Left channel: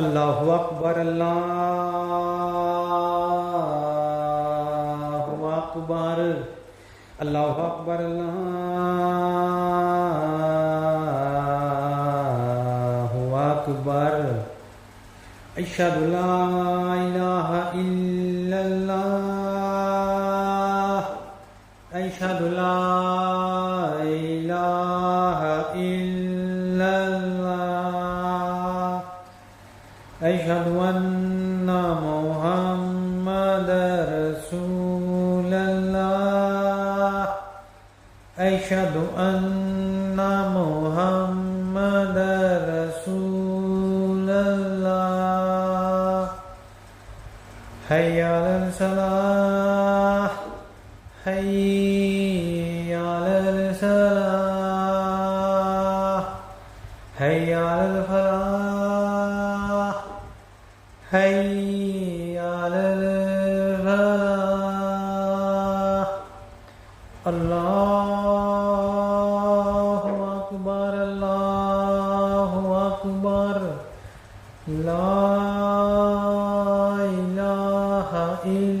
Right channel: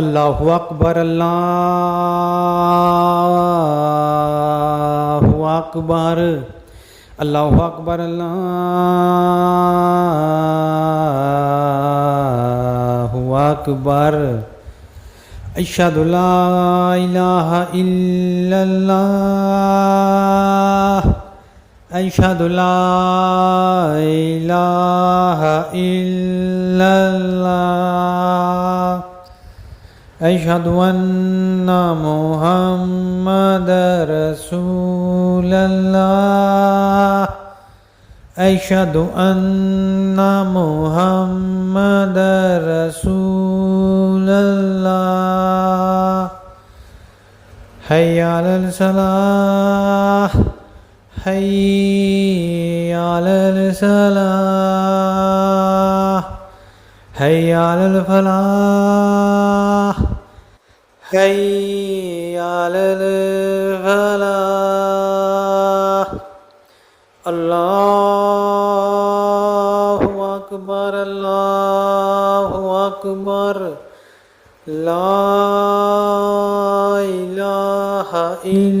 अल्लाहु अकबर अल्लाहु अकबर अल्लाहु अकबर अल्लाहु अकबर अशहदु ला इलाहा इल्लल्लाह अशहदु ला इलाहा इल्लल्लाह अशहदु अन्ना मुहम्मदर रसूलल्लाह अशहदु अन्ना मुहम्मदर रसूलल्लाह हय्या अलल सलाह हय्या अलल सलाह हय्या अलल फलाह हय्या अलल फलाह अल्लाहु अकबर ला इलाहा इल्लल्लाह